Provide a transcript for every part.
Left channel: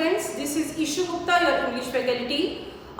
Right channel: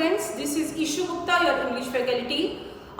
Students, this is Ishu Gupta, your English faculty.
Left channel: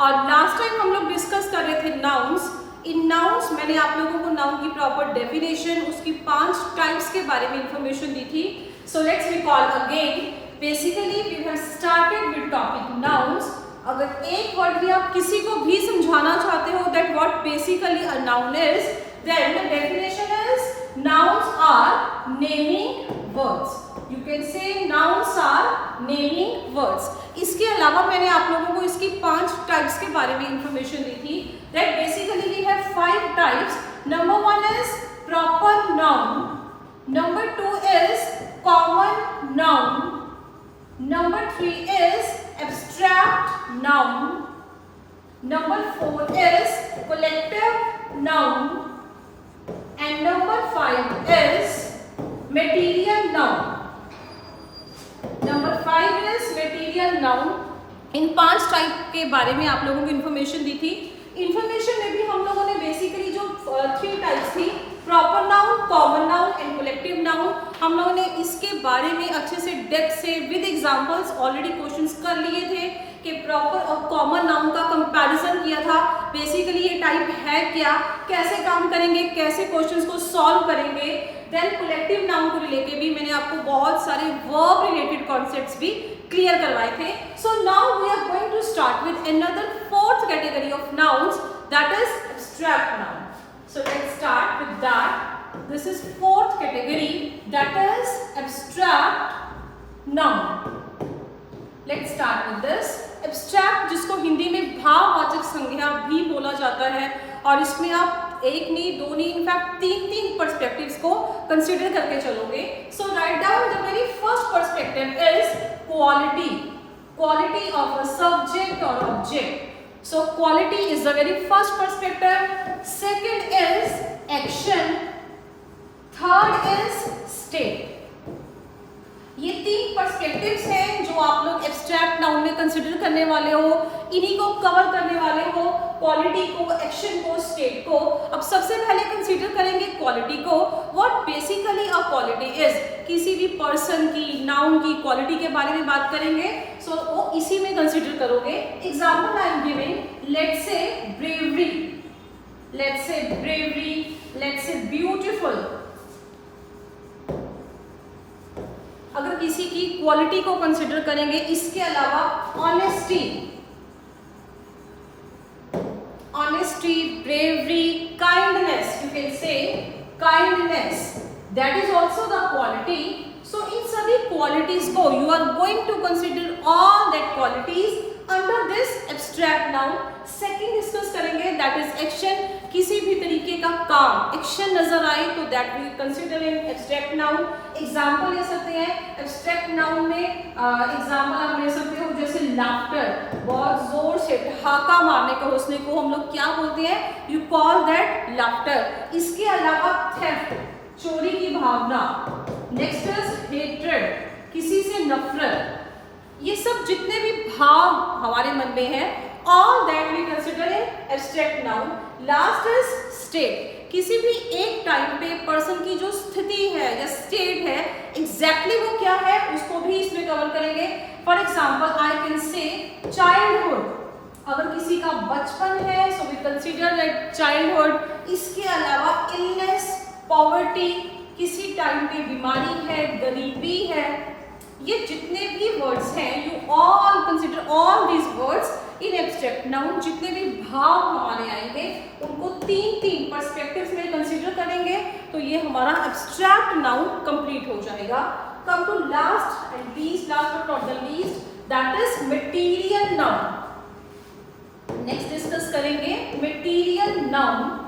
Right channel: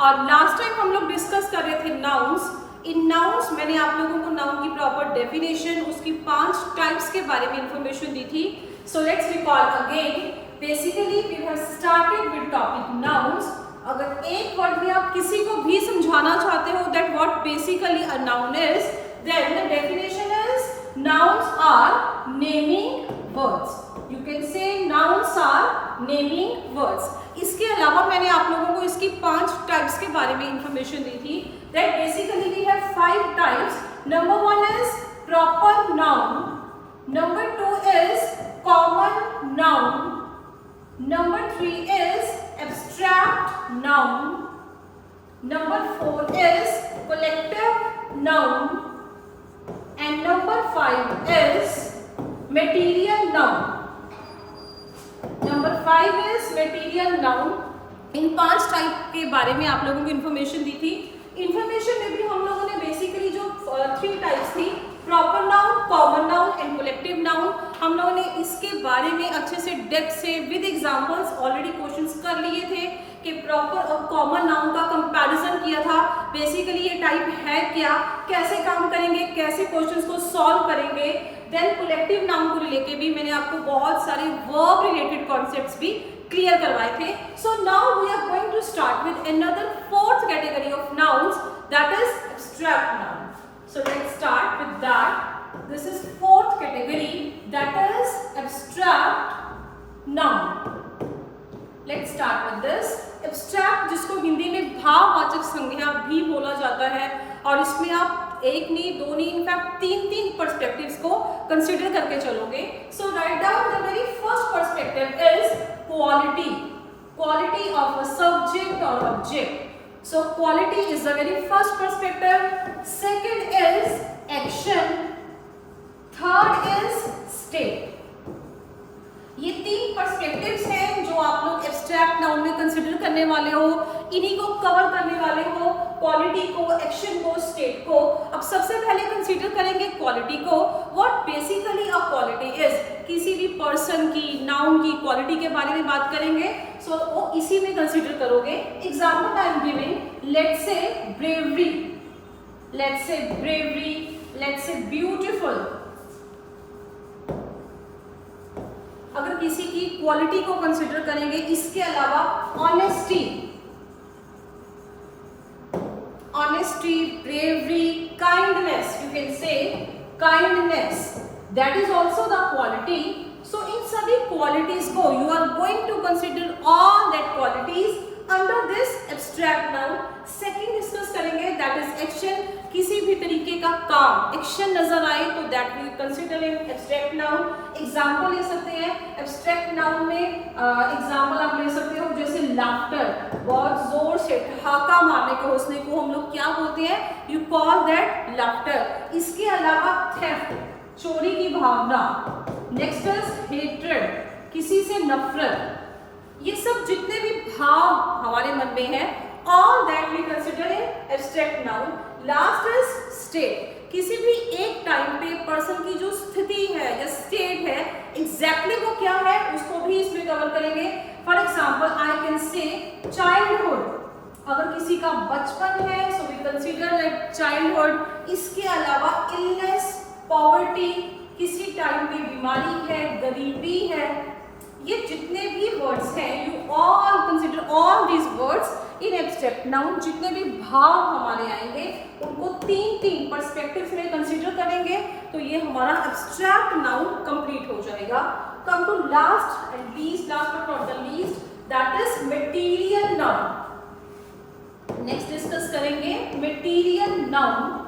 और last time हम लोग डिस्कस कर रहे थे नाउन्स। इन नाउन्स मैंने आप लोगों को नाउन की प्रॉपर डेफिनेशन, उसकी 5 टाइप्स के बारे में इंफॉर्मेशन दी थी। So let's recall again. Basically we have started with topic nouns. अगर एक वर्ड में आप किसी को भी समझाना चाहते हो that what basically a noun is, then the definition is nouns are naming words. You can say nouns are naming words. इसके अलावा मैंने आप लोगों को इसकी 5 टाइप्स के बारे में इंफॉर्मेशन दी थी। That basically we have 5 types. Number 1 is proper noun. Number 2 is common noun. Number 3 is abstract noun. Number 4 is collective noun. And number 5 is material noun. Number 5 is material noun. In 5 type के बारे में आप लोगों को information दी थी। Information में भी हम लोगों ने बेसिकली जो 3 टाइप्स थी, proper noun, common noun and collective noun, हम लोगों ने इसके बारे में अच्छे से डेप्थ से विद एग्जांपल्स ऑलरेडी क्वेश्चंस कर लिए थे कि प्रॉपर और कॉमन नाउन का कंपैरिजन किया था। बेसिकली ये टाइप है क्या, कैसे काम करेंगे, कैसे क्वेश्चंस को सॉल्व करेंगे। देन कलेक्टिव नाउन को लेके भी मैंने आपको बहुत सारे वर्ब रिलेटेड कॉन्सेप्ट्स भी क्लियर करवाए थे। So now we are going to start with another 4th category of nouns, that is abstract noun. So let's start with that. This is 4th category, that is abstract noun. Let's start with this. Abstract, जिसको हिंदी में भाववाचक संज्ञा भी बोला जाता है, और इसमें आप एक नहीं, दो नहीं, इनफैक्ट 3 पर्सपेक्टिव्स को कंसीडर करके चलोगे। So write down the very first perspective is quality, quality of a subject और object. So quality is the very first perspective. Second is action, third is state. ये 3 पर्सपेक्टिव्स हैं जो आप लोग abstract noun में consider करने वाले हो। इन्हीं को कवर करने वाले हो, क्वालिटी को, एक्शन को, स्टेट को। अब सबसे पहले कंसीडर करेंगे क्वालिटी को। What basically a quality is, किसी भी पर्सन की, नाउन की क्वालिटी के बारे में बात करेंगे। सो वो इसी में कंसीडर करोगे। Example I am giving, let's say bravery, let's say bravery, let's say beautiful. अगर किसी की क्वालिटी को कंसीडर करेंगे, इसके अलावा honesty, honesty, bravery, kindness, you can say kindness, that is also the quality. So इन सभी क्वालिटीज को you are going to consider all that qualities under this abstract noun. Second discuss करेंगे, that is action. किसी भी तरीके का काम, action नजर आए तो that we consider in abstract noun. Example ले सकते हैं एब्स्ट्रैक्ट नाउन में। एग्जांपल आप ले सकते हो जैसे लाफ्टर, बहुत जोर से ठहाका मारने का हंसने को हम लोग क्या बोलते हैं, यू कॉल दैट लाफ्टर। इसके अलावा थेफ्ट, चोरी की भावना। नेक्स्ट इज हेट्रेड, किसी से नफरत। ये सब जितने भी भाव हमारे मन में है, all that we consider in abstract noun. Last is state, किसी भी एक टाइम पे पर्सन की जो स्थिति है या स्टेट है, एग्जैक्टली वो क्या है, उसको भी इसमें कवर करेंगे। For example I can say childhood, अगर किसी का बचपन है so we consider like childhood. इसके अलावा इलनेस, पॉवर्टी, किसी टाइम पे बीमारी है, गरीबी है। ये जितने भी वर्ड्स हैं, you all consider all these words in abstract noun. जितने भी भाव हमारे आएंगे उनको 3 पर्सपेक्टिव्स में कंसीडर करेंगे, तो ये हमारा एब्स्ट्रैक्ट नाउन कंप्लीट हो जाएगा। Come to last and least, last but not the least, that is material noun. Next discuss करेंगे मटेरियल नाउन।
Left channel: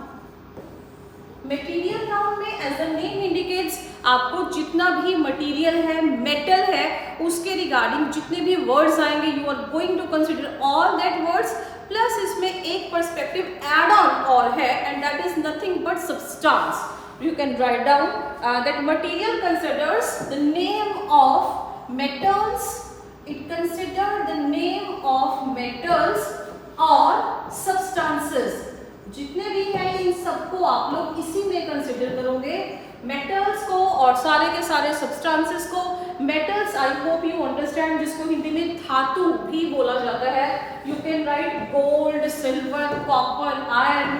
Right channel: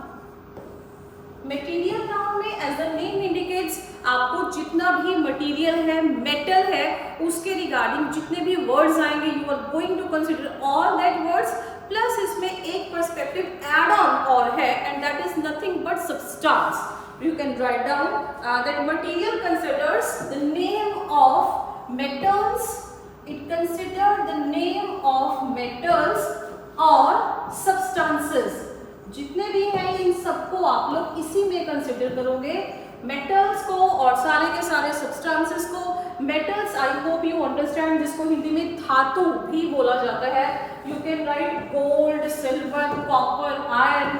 मटेरियल नाउन में एज द नेम इंडिकेट्स, आपको जितना भी मटेरियल है, मेटल है, उसके रिगार्डिंग जितने भी वर्ड्स आएंगे you are going to consider all that words. Plus इसमें एक पर्सपेक्टिव एड ऑन और है, and that is nothing but substance. You can write down that material considers the name of metals, it consider the name of metals और substances. जितने भी हैं इन सबको आप लोग इसी में कंसिडर करोगे। मेटल्स को और सारे के सारे सब्सटेंसेस को। Metals I hope you understand, जिसको हिंदी में धातु भी बोला जाता है। You can right gold, silver, copper, iron,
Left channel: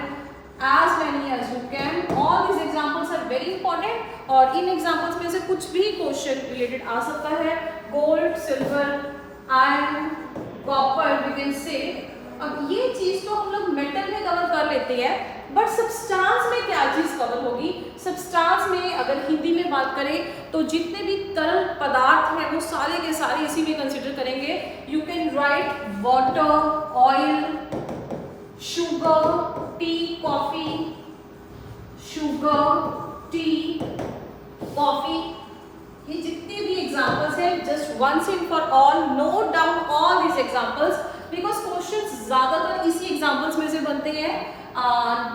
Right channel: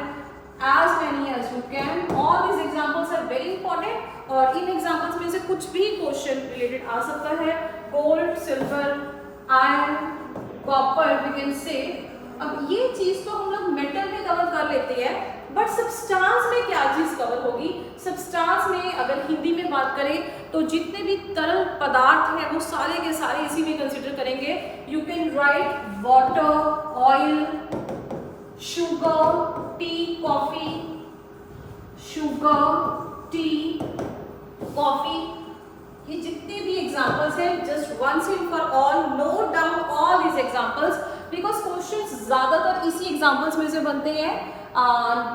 as many as you can. All these examples are very important और इन examples में से कुछ भी क्वेश्चन रिलेटेड आ सकता है। Gold, silver, iron, copper we can say. अब ये चीज तो हम लोग मेटल में कवर कर लेते हैं, बट सब्सटेंस में क्या चीज कवर होगी? सब्सटेंस में अगर हिंदी में बात करें तो जितने भी तरल पदार्थ हैं वो सारे के सारे इसी में कंसिडर करेंगे। You can write water, oil, sugar, tea, coffee, sugar, tea, coffee, ये जितने भी एग्जांपल्स हैं, just once and for all note down all these examples, because questions ज्यादातर इसी एग्जांपल्स में से बनते हैं।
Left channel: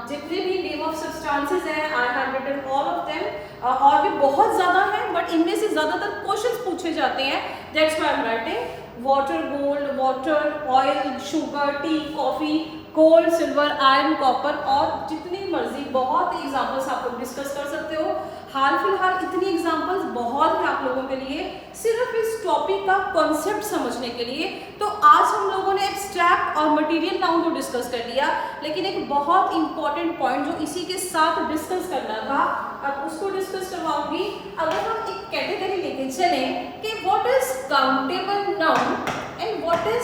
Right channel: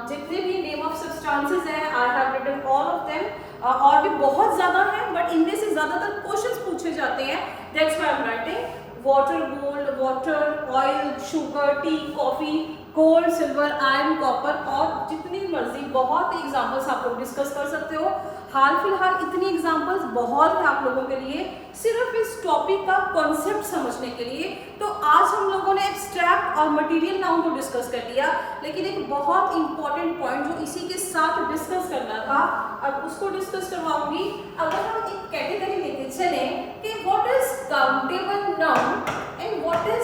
जितने भी नेम ऑफ सब्सटेंसेस हैं I have written all of them, और भी बहुत ज्यादा हैं, बट इनमें से ज्यादातर क्वेश्चंस पूछे जाते हैं। That's why I am writing water, gold, water, oil, sugar, tea, coffee, gold, silver, iron, copper, और जितनी मर्जी बहुत एग्जांपल्स आप लोग डिस्कस कर सकते हो। हाल फिलहाल इतनी एग्जांपल्स बहुत है आप लोगों के लिए, सिर्फ इस टॉपिक का कॉन्सेप्ट समझने के लिए। तो आज हम लोगों ने एब्स्ट्रैक्ट और मटेरियल नाउन को डिस्कस कर लिया, लेकिन एक बहुत इंपॉर्टेंट पॉइंट जो इसी के साथ डिस्कस करना था, अब उसको डिस्कस करवाऊंगी। अगर हम एक कैटेगरी लेके चले कि what is countable noun and what is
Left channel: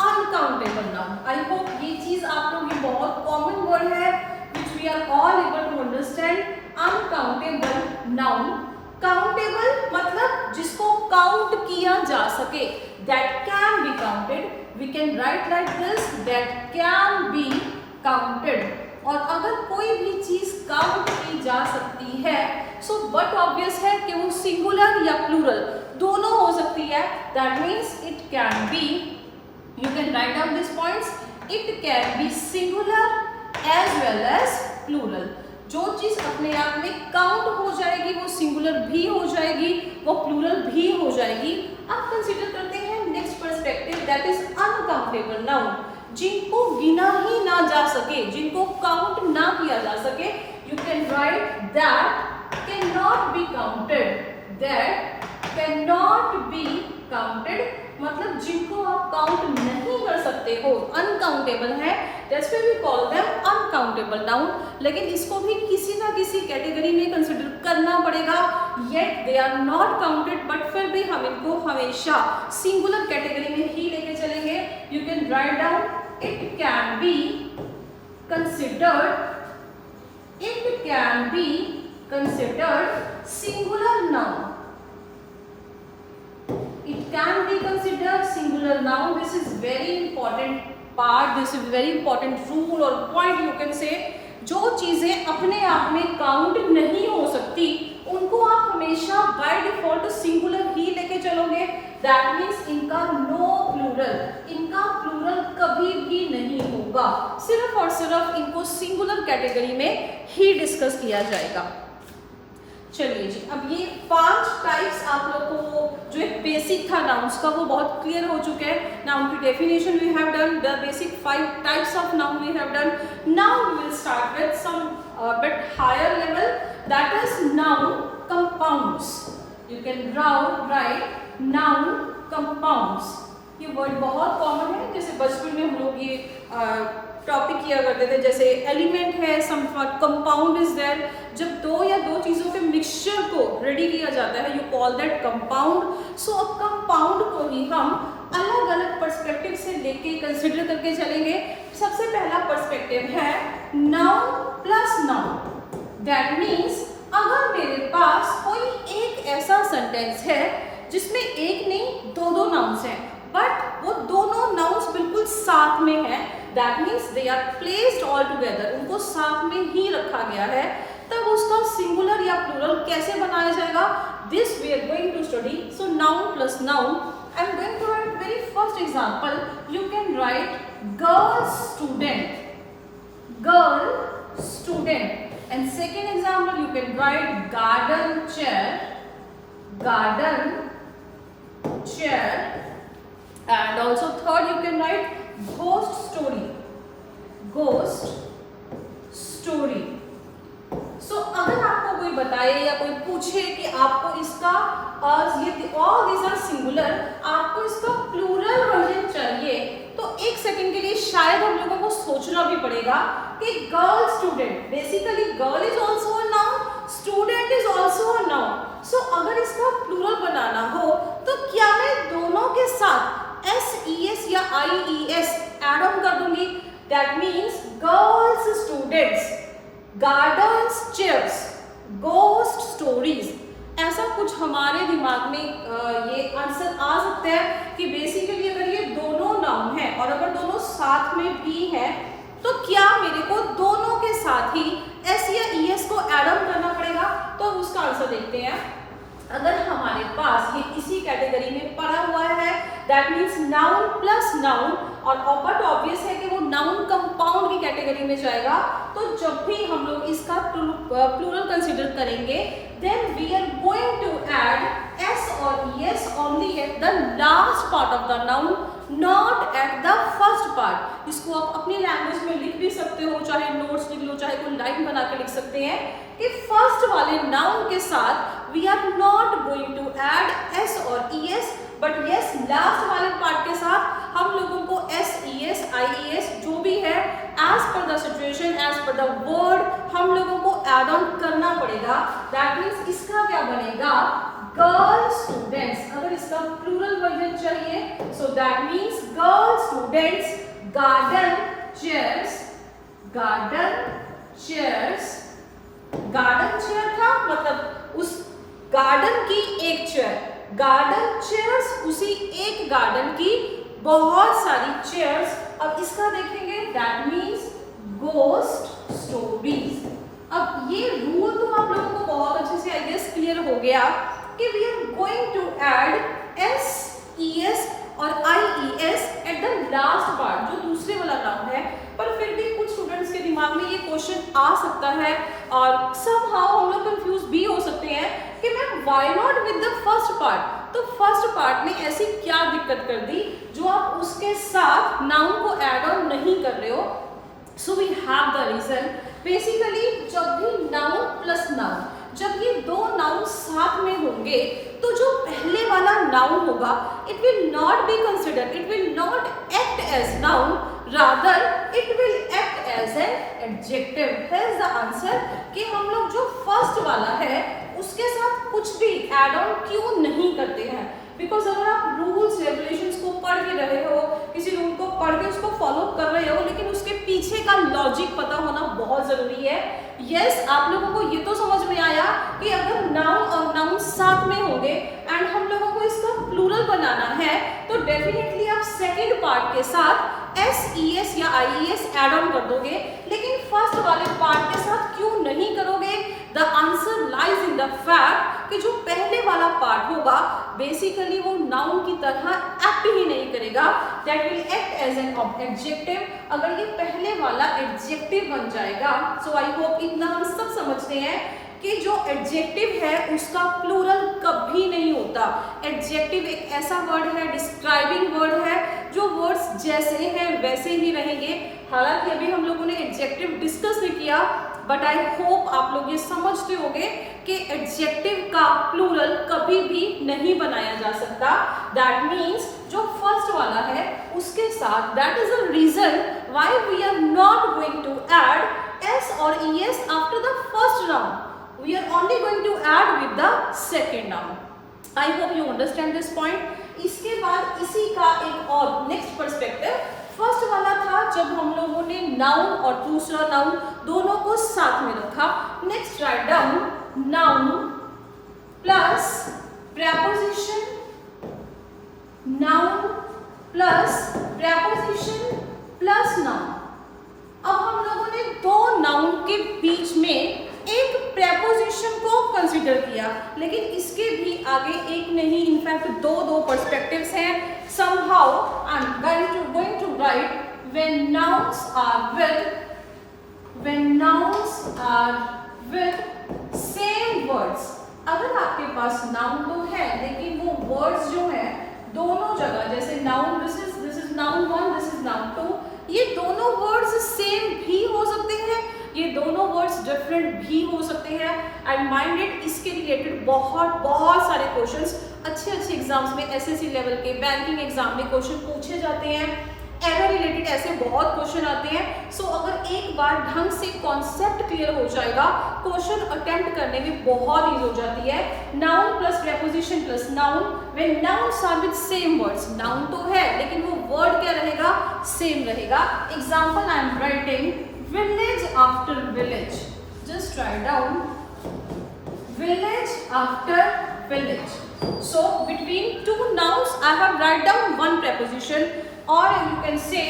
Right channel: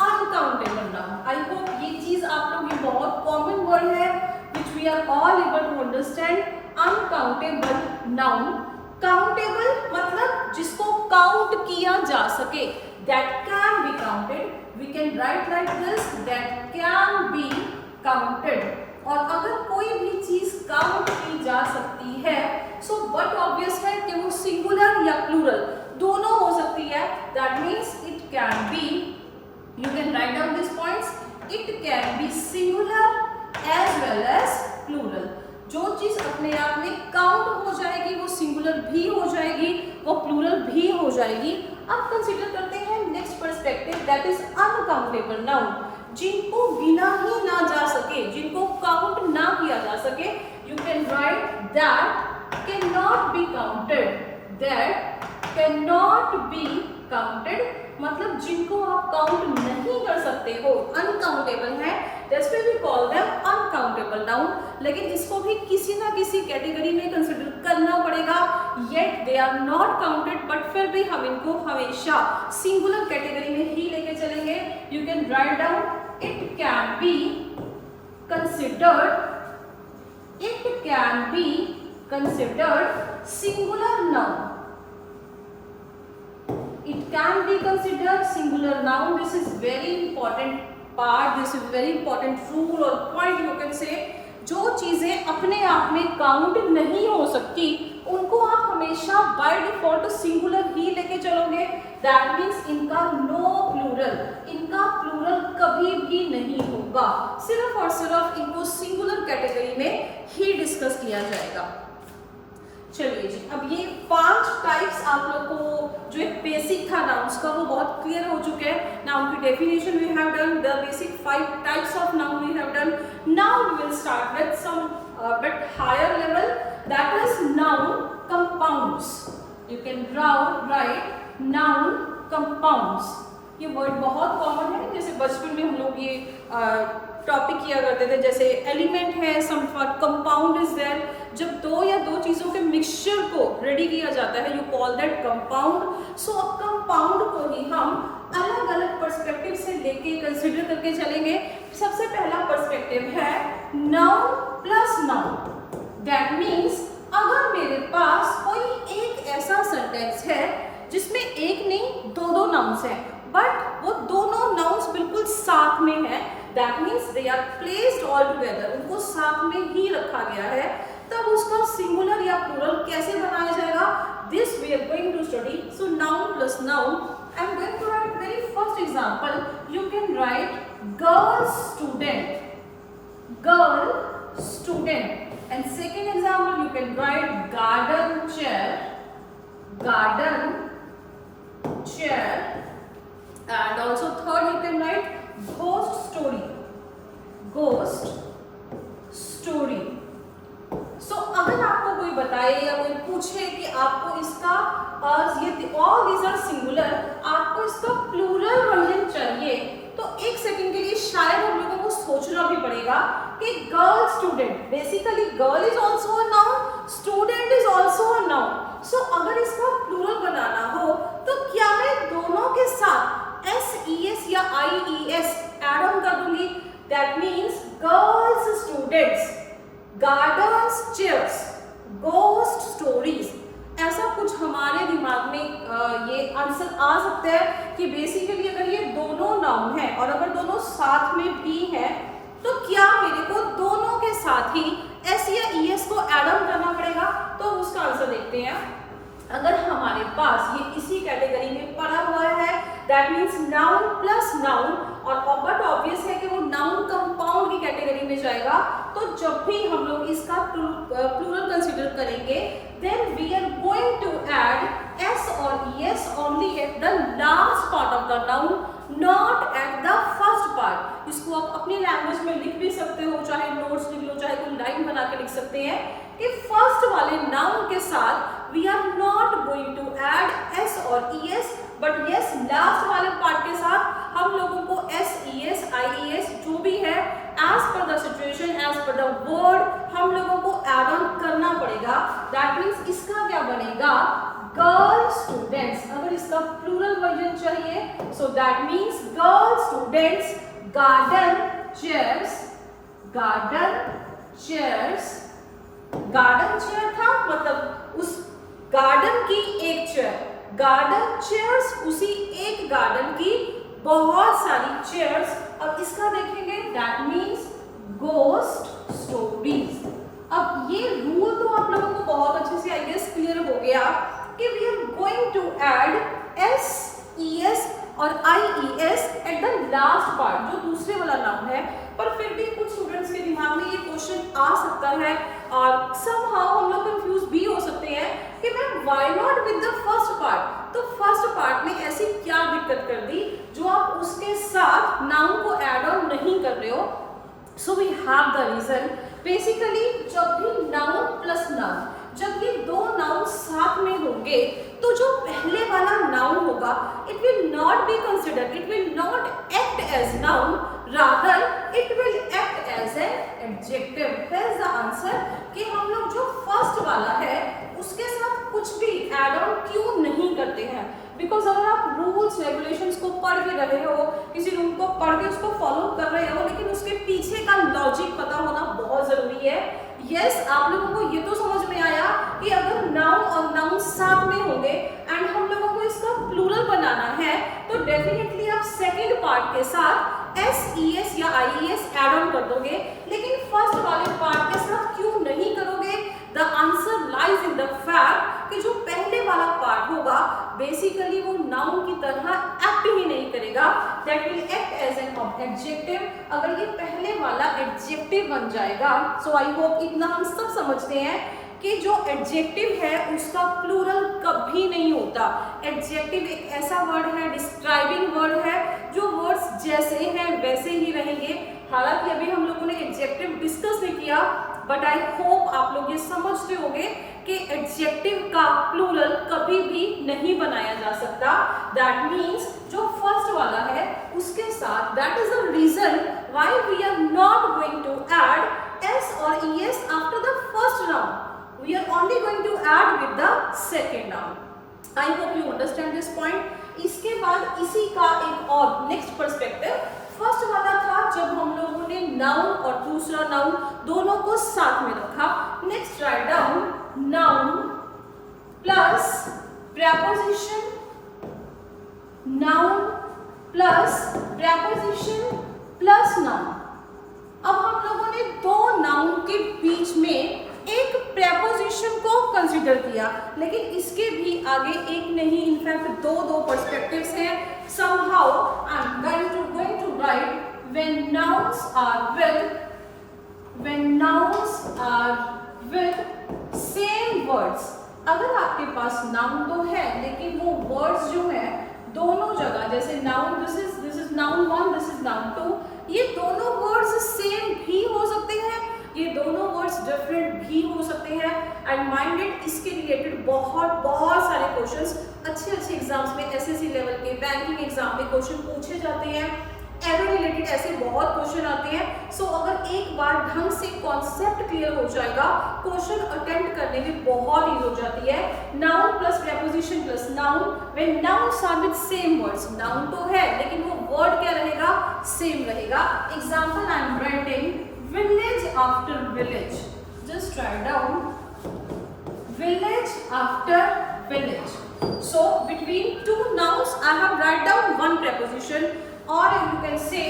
uncountable noun. I hope ये चीज आप लोग, ये बहुत कॉमन वर्ड है which we are all able to understand. Uncountable noun, countable मतलब जिसको काउंट किया जा सके, that can be counted. We can write like this, that can be counted. और अगर कोई भी चीज काउंट की जा सकती है, सो बट ऑब्वियस है कि वो सिंगुलर या प्लूरल दोनों हो सकती है। That means it can be, you can write down these points, it can be singular as well as plural। जो चीज अपने आप में काउंट हो जाएगी वो सिंगुलर भी हो जाएगी, वो प्लूरल भी हो जाएगी। अब कंसीडर करते हैं next perspective, that is uncountable noun, जिनको गिना ही ना जा सके, जिनको काउंट ना किया जा सके। You can right that can not be counted, that can not be counted मतलब जिनको आप काउंट नहीं कर सकते हो, अनकाउंटेबल है, that's why we call them uncountable noun. लेकिन इसको भी किसी ना किसी कैटेगरी में कंसिडर करना पड़ेगा, yet they are not counted, but फिर भी हम इनको हमेशा सिंगुलर कैटेगरी में ही लेके चलेंगे। You can write down, it can be considered, it can be considered singular noun, it can be considered singular noun। This is very important part, this is very important rule or point you can say। जो चीजें अपने आप में count नहीं हो सकती उनको आप हमेशा बाय डिफॉल्ट सिंगुलर ही लेके चलोगे। दैट मीन्स इनका नो प्लूरल, इनका प्लूरल कभी भी नहीं होगा, सिर्फ और सिर्फ इनको सिंगुलर कैटेगरी में ही डिस्कस किया जाएगा। चलिए जी, अब ये 5 टाइप्स आप लोग को जो एक बेसिक था नाउन्स का वो बहुत क्लियर हो चुके हैं। नाउन की definition we have done, the basic 5 types of noun we have done. Now we will start with some bit higher level, that is noun compounds. You can write noun compounds. ये word बहुत common है, जैसे बचपन में हम लोग ये topic किया करते थे, जैसे एलिमेंट है, सम कंपाउंड इज देयर। जब दो या दो चीजों के मिक्सचर को रेडी किया जाता है, यू कॉल दैट कंपाउंड। सो अब कंपाउंड को ही हम अलग अलग पर्सपेक्टिव से लेके कंसिडर करके चलेंगे। सबसे पहला पर्सपेक्टिव है noun plus noun. That means अगर मेरे पास कोई एक ऐसा सेंटेंस है जिसमें एक नहीं दो नाउन्स हैं, बट वो दोनों नाउन्स बिल्कुल साथ में है, that means they are placed all together, उनको साथ में ही रखा गया है, तब उसका सिंगुलर या प्लूरल कैसे बनाया जाएगा, this we are going to study. So noun plus noun, I am going to write very first example. You can write girl student, girl student, and second example you can write garden chair, garden chair, and also third you can write ghost story, ghost story। So अगर आपको कोई बताए या कोई पूछे कि आपको इसका ये ऑल दीज आर सिंगुलर, आपको इसका प्लूरल वर्जन चाहिए, तो एक सेकंड के लिए शायद हम लोगों को सोचना भी पड़ेगा कि girl student, basically girl is also a noun, student is also a noun. So अगर इसका प्लूरल बनाना हो तो क्या मैं दोनों के साथ SES या IES एड ऑन कर दूंगी? That means girls students, gardens chairs, ghost stories, ऐसा कुछ हमारे दिमाग में ये आंसर आ सकता है कि बेसिकली अगर ये दोनों नाउन है और अगर दोनों साथ में भी हैं तो क्या मेरे को दोनों के साथ ही S या ES को एड ऑन करना पड़ेगा? तो उसका आंसर देखते हैं। अगर हमारे पास ये इसी कैटेगरी में पड़ा हुआ है that means noun plus noun, और बट ऑब्वियस है कि वो नाउन कंपाउंड की कैटेगरी में जाएगा, तो जब भी हम लोग इसका प्लूरल कंसीडर करेंगे then we are going to add S और ES only at the last part of the noun, not at the first part. इसको आप अपनी लैंग्वेज में लिख भी सकते हो, चाहे नोट्स लिख लो, चाहे कोई लाइन बना के लिख सकते हैं कि फर्स्ट वाले नाउन के साथ we are not going to add S और ES, बट यस लास्ट वाले पार्ट के साथ हम लोगों को SES IES जो भी है as per the situation, as per the word हम लोगों को एड ऑन करना पड़ेगा। दैट मीन्स इसका क्या बनेगा? Girl students. अगर इसका प्लूरल वर्जन चाहिए so that means girl students, garden chairs, garden chairs, garden chair था मतलब उस गार्डन की एक चेयर, गार्डन चेयर्स उसी एक गार्डन की बहुत सारी चेयर्स। अब इसका देखेंगे दैट मीन्स गोस्ट स्टोरीज। अब ये रूल तो आप लोगों को बहुत अच्छे से आई गेस क्लियर हो गया कि we are going to add SES और IES at the last part, जो दूसरे वाला नाउन है। पर फिर भी कुछ स्टूडेंट्स के दिमाग में ये क्वेश्चन आ सकता है और समहाउ हम लोग कंफ्यूज भी हो सकते हैं कि ma'am why not with the first part? तो फर्स्ट पार्ट में ऐसी क्या दिक्कत कर दी जो आप उसके साथ नाउन को ऐड ऑन नहीं कर रहे हो? So we have the reason. Basically जब भी नाउन प्लस नाउन, जब ये दो नाउन साथ में होंगे तो जो पहले वाला नाउन होगा it will not be considered, it will not act as noun, rather it will act as an adjective. Here is the answer कि हम लोग जो फर्स्ट वाला है उसके साथ कुछ भी एड ऑन क्यों नहीं करते हैं? बिकॉज अगर आप रूल्स रेगुलेशंस को पढ़ भी रहे हो, किसी रूल को पढ़ के उसको फॉलो कर रहे हो, लेकिन उसके पीछे का लॉजिक पता होना बहुत जरूरी है। यस, आप लोगों को ये तो समझ में आया कि अगर नाउन और नाउन साथ में होंगे एंड हम लोगों को इसका प्लूरल बनाना है तो डेफिनेटली आप सेकेंड पार्ट के साथ SES या IES एड ऑन कर दोगे, लेकिन फर्स्ट वाले पार्ट के साथ क्यों नहीं करोगे? The answer lies in the fact कि जो पहले वाला पार्ट होगा बेसिकली वो नाउन की तरह एक्ट ही नहीं करेगा, that will act as an adjective. अगर ये पहले वाला एडजेक्टिव बन जाएगा, सो आई होप इतना हम सब समझते हैं कि जो एडजेक्टिव है उसका प्लूरल कभी नहीं होता। एडजेक्टिव एक ऐसा वर्ड है, डिस्क्राइबिंग वर्ड है, जो वर्ड्स जैसे हैं वैसे ही रहेंगे। हालांकि अभी हम लोगों ने एडजेक्टिव डिस्कस नहीं किया, बट आई होप आप लोग ये समझते होंगे कि एडजेक्टिव का प्लूरल कभी भी नहीं बनाया जा सकता। दैट मीन्स जो फर्स्ट वाला है उसके साथ, that is the reason why we are not going to add S और ES after the first noun, we are only going to add with the second noun. I hope you understand this point. इसके बाद इसी का एक और next perspective, first वाला था जब हम लोगों ने नाउन और दूसरा नाउन दोनों को साथ में रखा। Next write down noun plus preposition, noun plus preposition plus noun. अब हम लोगों ने दो नाउन के बीच में एक प्रेपोजिशन को कंसीडर किया, लेकिन इसके भी आगे एक नहीं, इनफैक्ट दो पर्सपेक्टिव्स हैं। somehow I'm going to write when nouns are with same words। अगर आपके पास नाउन तो है लेकिन वो वर्ड्स जो है दोनों जगह, जैसे noun this is noun 1, this is noun 2, ये दोनों वर्ड्स सेम भी हो सकते हैं ये दोनों वर्ड्स डिफरेंट भी हो सकते हैं एंड माइंडेड इसके रिलेटेड बहुत सारे क्वेश्चंस अच्छे एग्जाम्स में एसएससी लेवल के बैंकिंग एग्जाम में क्वेश्चन पूछे जाते हैं। एरो रिलेटेड ऐसे बहुत क्वेश्चन आते हैं। सो अगर एक बार ढंग से कॉन्सेप्ट क्लियर हो जाएगा, क्वेश्चन अटेम्प्ट करने में बहुत ईजी हो जाती है। Noun plus preposition plus noun, when nouns are with same words, noun तो है लेकिन वो वर्ड क्या रहेगा, सेम रहेगा। Example I am writing village after village, just write down village after village. So between two nouns I have write down one preposition, or you can say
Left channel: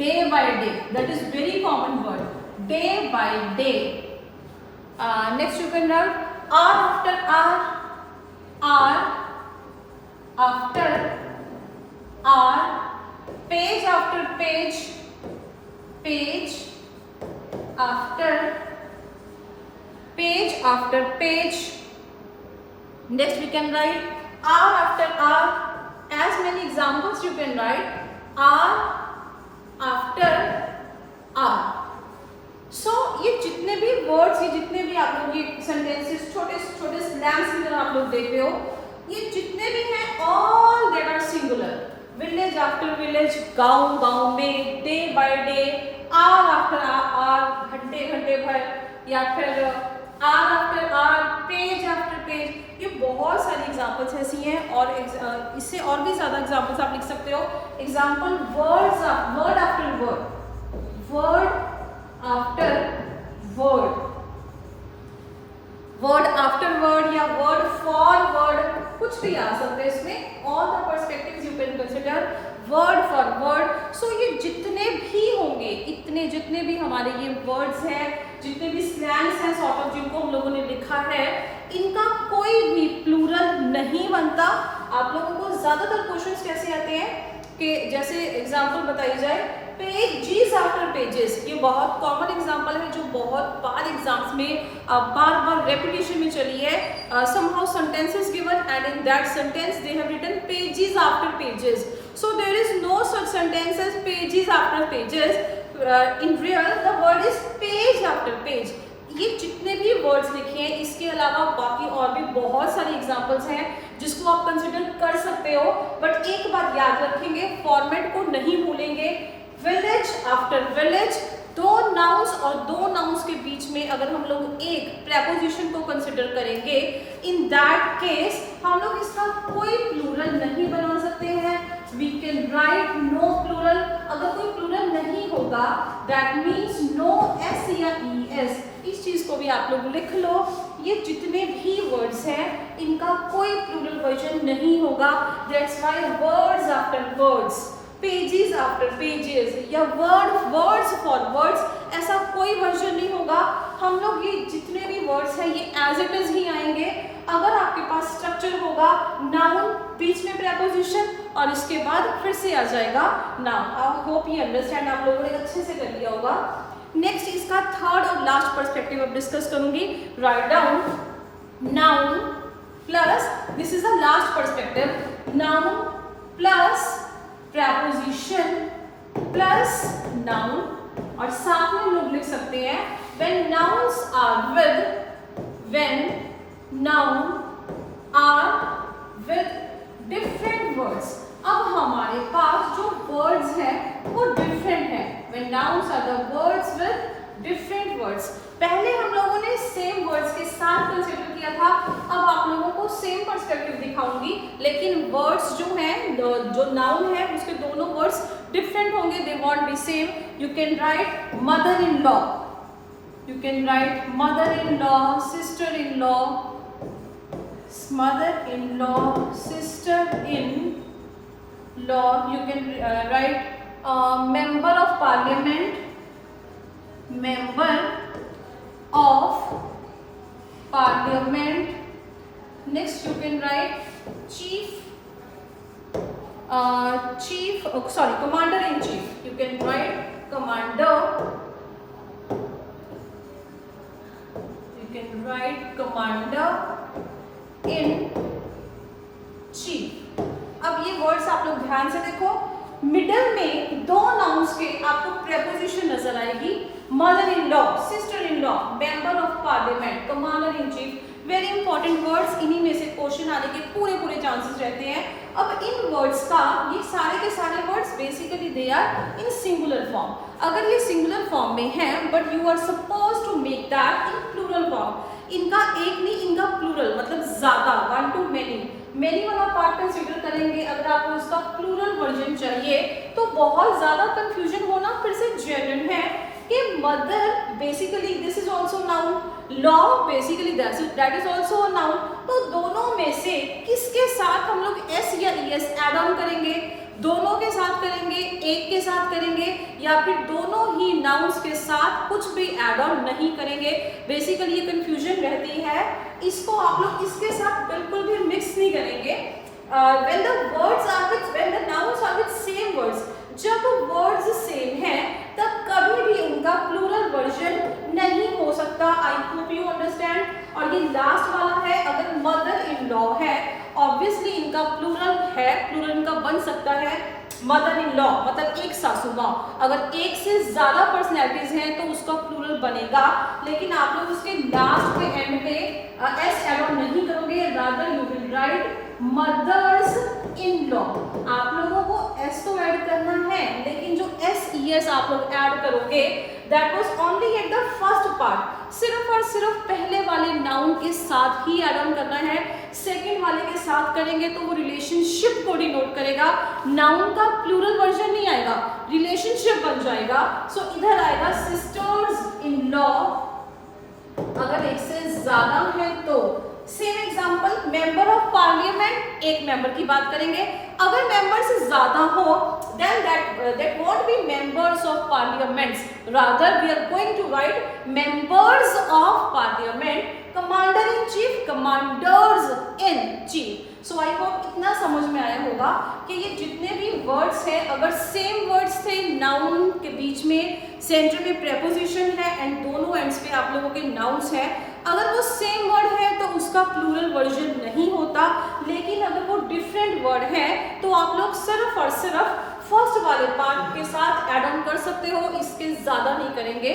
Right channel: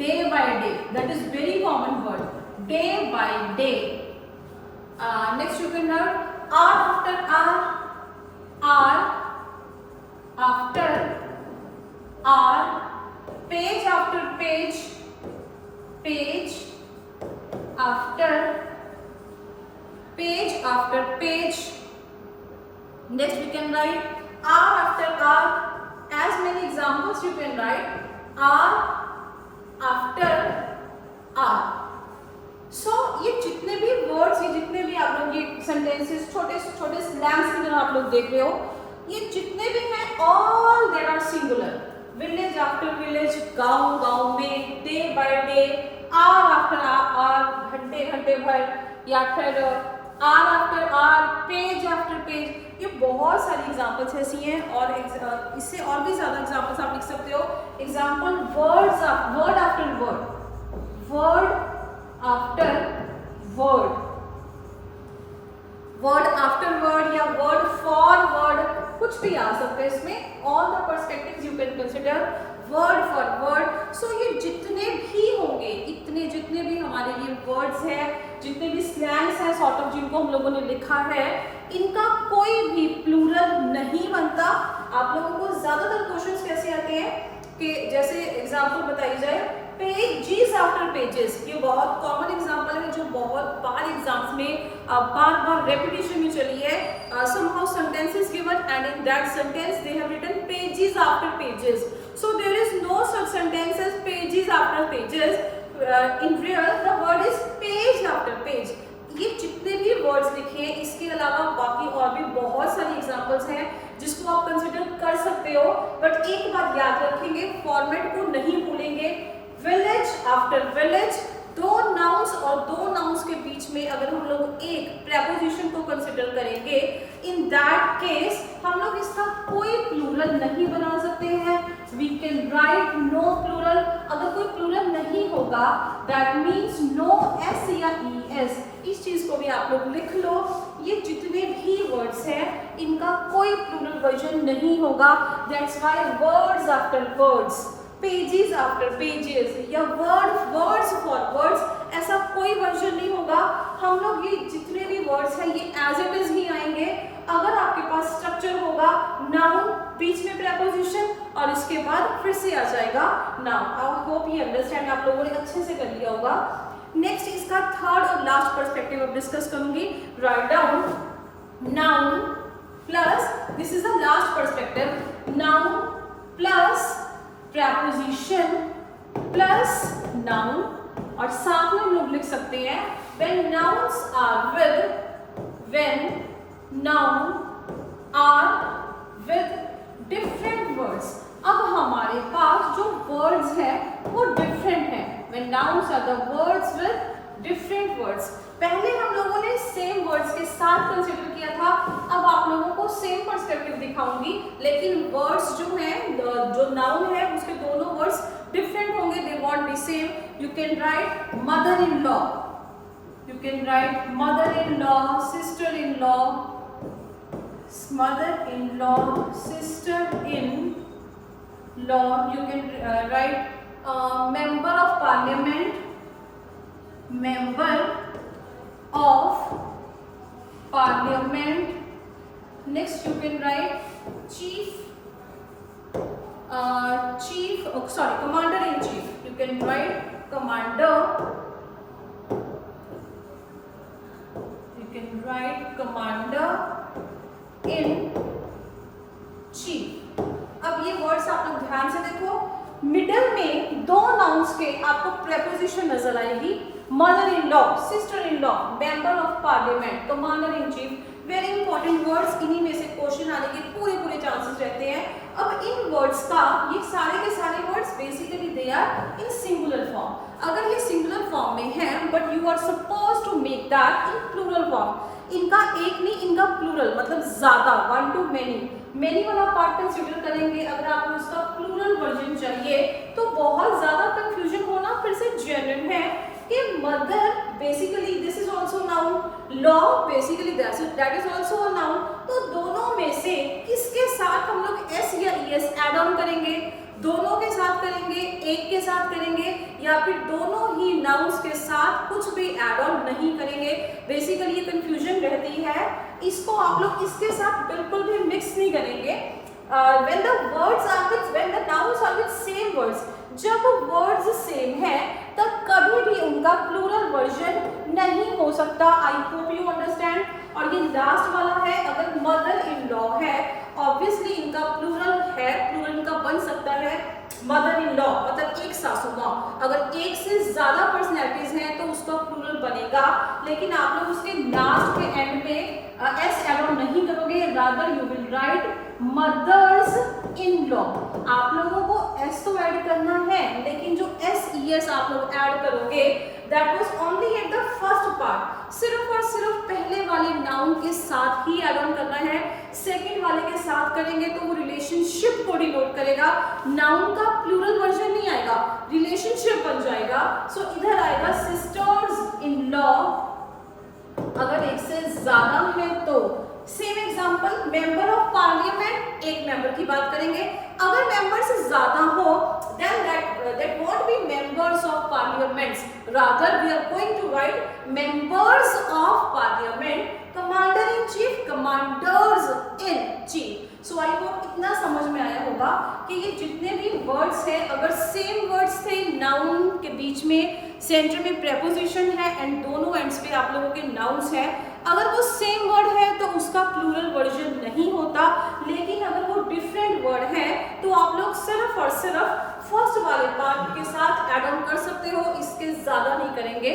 day by day. That is very common word, day by day. Next you can write hour after hour, hour after hour, page after page, page after page. Next we can write hour after hour. As many examples you can write hour after hour. So ये जितने भी words, ये जितने भी आप लोग ये sentences, छोटे slangs की तरह आप लोग देख रहे हो, ये जितने भी हैं all they are singular. Village after village, गाँव में, day by day, hour after hour, घंटे भर, या फिर hour after hour, page after page, ये बहुत सारी एग्जाम्पल्स ऐसी हैं और इससे और भी ज़्यादा एग्जाम्पल्स आप लिख सकते हो। Example word after word, word after word, word after word या वर्ड फॉर वर्ड, कुछ भी आ सकते हैं इसमें। All the perspectives you can consider word for word. So ये जितने भी होंगे, इतने जितने भी हमारे ये वर्ड्स हैं, जितने भी स्लैंग्स हैं सॉर्ट ऑफ जिनको हम लोगों ने लिखा है, इनका कोई भी प्लूरल नहीं बनता। आप लोगों को ज्यादातर क्वेश्चंस कैसे आते हैं कि जैसे एग्जांपल बताई जाए पेजेस आफ्टर पेजेस, ये बहुत कॉमन एग्जांपल है जो बहुत बार एग्जाम्स में बार रेपिटेशन में चली है। somehow sentence is given and in that sentence they have written pages after pages. So there is no such sentence as pages after pages. In real the word is page after page. ये जितने भी words लिखे हैं, इसके अलावा बाकी और भी बहुत सारी एग्जांपल्स हैं जिसको आप कंसिडर कर सकते हो। बट एक बात याद रखेंगे, फॉर्मेट को नहीं भूलेंगे। विलेज आफ्टर विलेज, दो नाउन्स और दो नाउन्स के बीच में अगर हम लोग एक प्रेपोजिशन को कंसिडर करेंगे, इन दैट केस हम लोग इसका कोई प्लूरल नहीं बना सकते हैं। We can write no plural. अगर कोई प्लूरल नहीं होगा दैट मीन्स नो एस या ई एस। इस चीज को भी आप लोग लिख लो। ये जितने भी वर्ड्स हैं इनका कोई प्लूरल वर्जन नहीं होगा। That's why words after words, pages after pages या वर्ड्स फॉर वर्ड्स, ऐसा कोई वर्जन नहीं होगा। हम लोग ये जितने भी वर्ड्स हैं ये एज इट इज ही आएंगे। अगर आपके पास स्ट्रक्चर होगा, नाउन बीच में प्रेपोजिशन और इसके बाद फिर से आ जाएगा नाउन। आई होप ये अंडरस्टैंड आप लोगों ने अच्छे से कर लिया होगा। नेक्स्ट इसका थर्ड और लास्ट पर्सपेक्टिव अब डिस्कस करूंगी। Write down noun plus, this is the last perspective, noun plus preposition plus noun, और साथ में हम लोग लिख सकते हैं when nouns are with different words। अब हमारे पास जो words हैं वो different हैं। when nouns are the words with different words, पहले हम लोगों ने सेम वर्ड्स के साथ कंसिडर किया था। अब आप लोगों को सेम पर्सपेक्टिव दिखाऊंगी, लेकिन वर्ड्स जो हैं, जो नाउन है उसके दोनों वर्ड्स डिफरेंट होंगे, they want B same. You can right mother in law, you can right mother in law, sister in law, mother in law, sister in law. You can right member of parliament, member of parliament. Next you can write commander in chief. You can write commander. You can write commander in chief. अब ये words आप लोग ध्यान से देखो, middle में दो nouns के आपको प्रेपोजिशन नजर आएगी, mother in law, sister in law, member of parliament, commander in chief, very important words, इन्हीं में से क्वेश्चन आने के पूरे चांसेस रहते हैं। अब इन वर्ड्स का, ये सारे के सारे words basically they are in singular form. अगर ये सिंगुलर फॉर्म में है but you are suppose to make that in plural form, इनका एक नहीं, इनका प्लूरल मतलब ज्यादा, वन टू मेनी वाला पार्ट कंसिडर करेंगे। अगर आपको उसका प्लूरल वर्जन चाहिए तो बहुत ज्यादा कंफ्यूजन होना फिर से जेन्युइन है कि mother basically this is also noun, law basically that is also noun. तो दोनों में से किसके साथ हम लोग एस या ईएस ऐड ऑन करेंगे? दोनों के साथ करेंगे, एक के साथ करेंगे, या फिर दोनों ही नाउन्स के साथ कुछ भी ऐड ऑन नहीं करेंगे? बेसिकली ये कंफ्यूजन रहती है, इसको आप लोग इसके साथ बिल्कुल भी मिक्स नहीं करेंगे। when the nouns are with same words, जब वर्ड्स सेम है तब कभी भी उनका प्लूरल वर्जन नहीं हो सकता। I hope you understand. और ये लास्ट वाला है, अगर मदर इन लॉ है, ऑब्वियसली इनका प्लूरल है, प्लूरल इनका बन सकता है मदर इन लॉ, मतलब एक सासू माँ। अगर एक से ज्यादा पर्सनैलिटीज हैं तो उसका प्लूरल बनेगा, लेकिन आप लोग उसके लास्ट के एंड पे एस ऐड ऑन नहीं करोगे, rather you will write mother's in law. आप लोगों को एस तो ऐड करना है, लेकिन जो एस ई एस आप लोग ऐड करोगे that was only at the first part, सिर्फ और सिर्फ पहले वाले नाउन के साथ ही ऐड ऑन करना है। सेकंड वाले के साथ करेंगे तो वो रिलेशनशिप को डिनोट करेगा, नाउन का प्लूरल वर्जन नहीं आएगा, रिलेशनशिप बन जाएगा। सो इधर आएगा सिस्टर्स इन लॉ, अगर एक से ज्यादा है तो। Same example, member of parliament, एक मेंबर की बात करेंगे, अगर मेंबर से ज्यादा हो then that won't be members of parliaments, rather we are going to write members of parliament, commander in chief, commanders in chief। so I hope इतना समझ में आया होगा कि ये जितने भी वर्ड्स हैं, अगर सेम वर्ड्स थे, नाउन के बीच में सेंटर में प्रेपोजिशन है एंड दोनों एंड्स पे आप लोगों के नाउन्स हैं, अगर वो सेम वर्ड है तो उसका प्लूरल वर्जन नहीं होता। लेकिन अगर वो डिफरेंट वर्ड है तो आप लोग सिर्फ और सिर्फ फर्स्ट वाले पार्ट के साथ ऐड ऑन कर सकते हो, इसके ज्यादा नहीं करेंगे।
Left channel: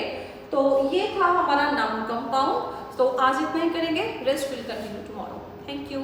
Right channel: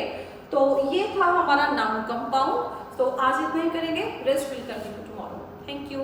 तो ये था हमारा नाउन कंपाउंड। तो आज इतना ही करेंगे, rest will continue tomorrow. Thank you.